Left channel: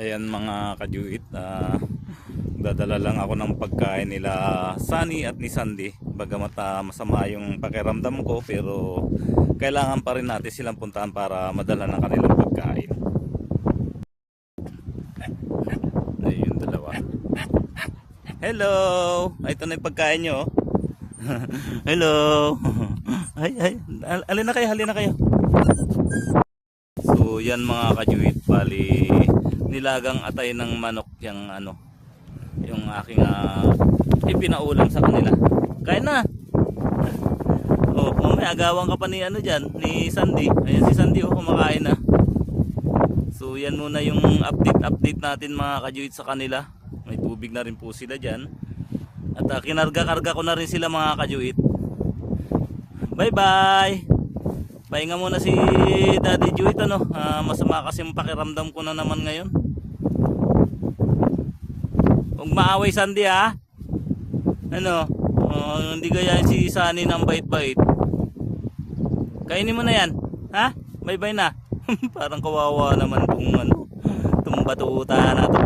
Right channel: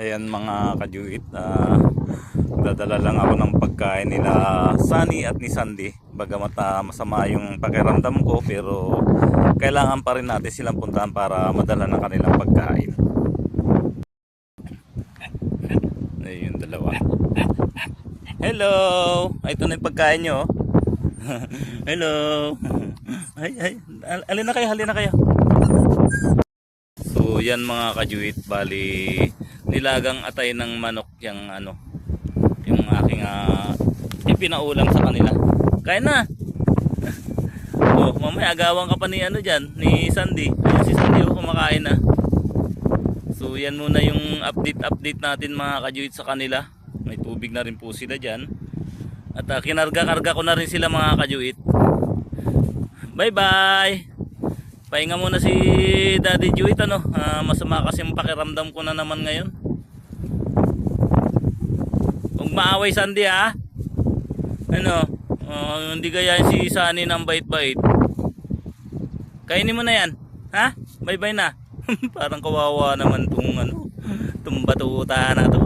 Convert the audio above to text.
Ayan mga kajuit, dadala lang ako ng pagkain nila Sunny at ni Sandy. Bagamat masama yung pakiramdam ko, pero kailangan pa rin natin silang puntahan para madala ng kanilang pagkain. Ayun yung dalawa. Hello! Ay, ito na yung pagkain nyo. Hello! Ay, ay, alin na kayo, halina na kayo. So yan mga kajuit, bali nilagang atay ng manok yung yung aking ipinaulam sa kanila. Kain na. Oh, mamaya agawan ka pa ni diyan, ni Sandy. Ayun si Sandy kumakain na. So yan muna yung update natin mga kajuit sa kanila. May tubig na rin po sila diyan. At kinarga-karga ko na rin sila mga kajuit. Bye bye. Pahinga muna si Daddy Juit masama kasi yung pakiramdam ko na naman ngayon. Huwag maaway Sandy ha. Hindi gayahin si Sunny ng bait-bait. Kainin mo na yan. Ha? Bye-bye na. Parang kawawa naman tong itong batuta na to.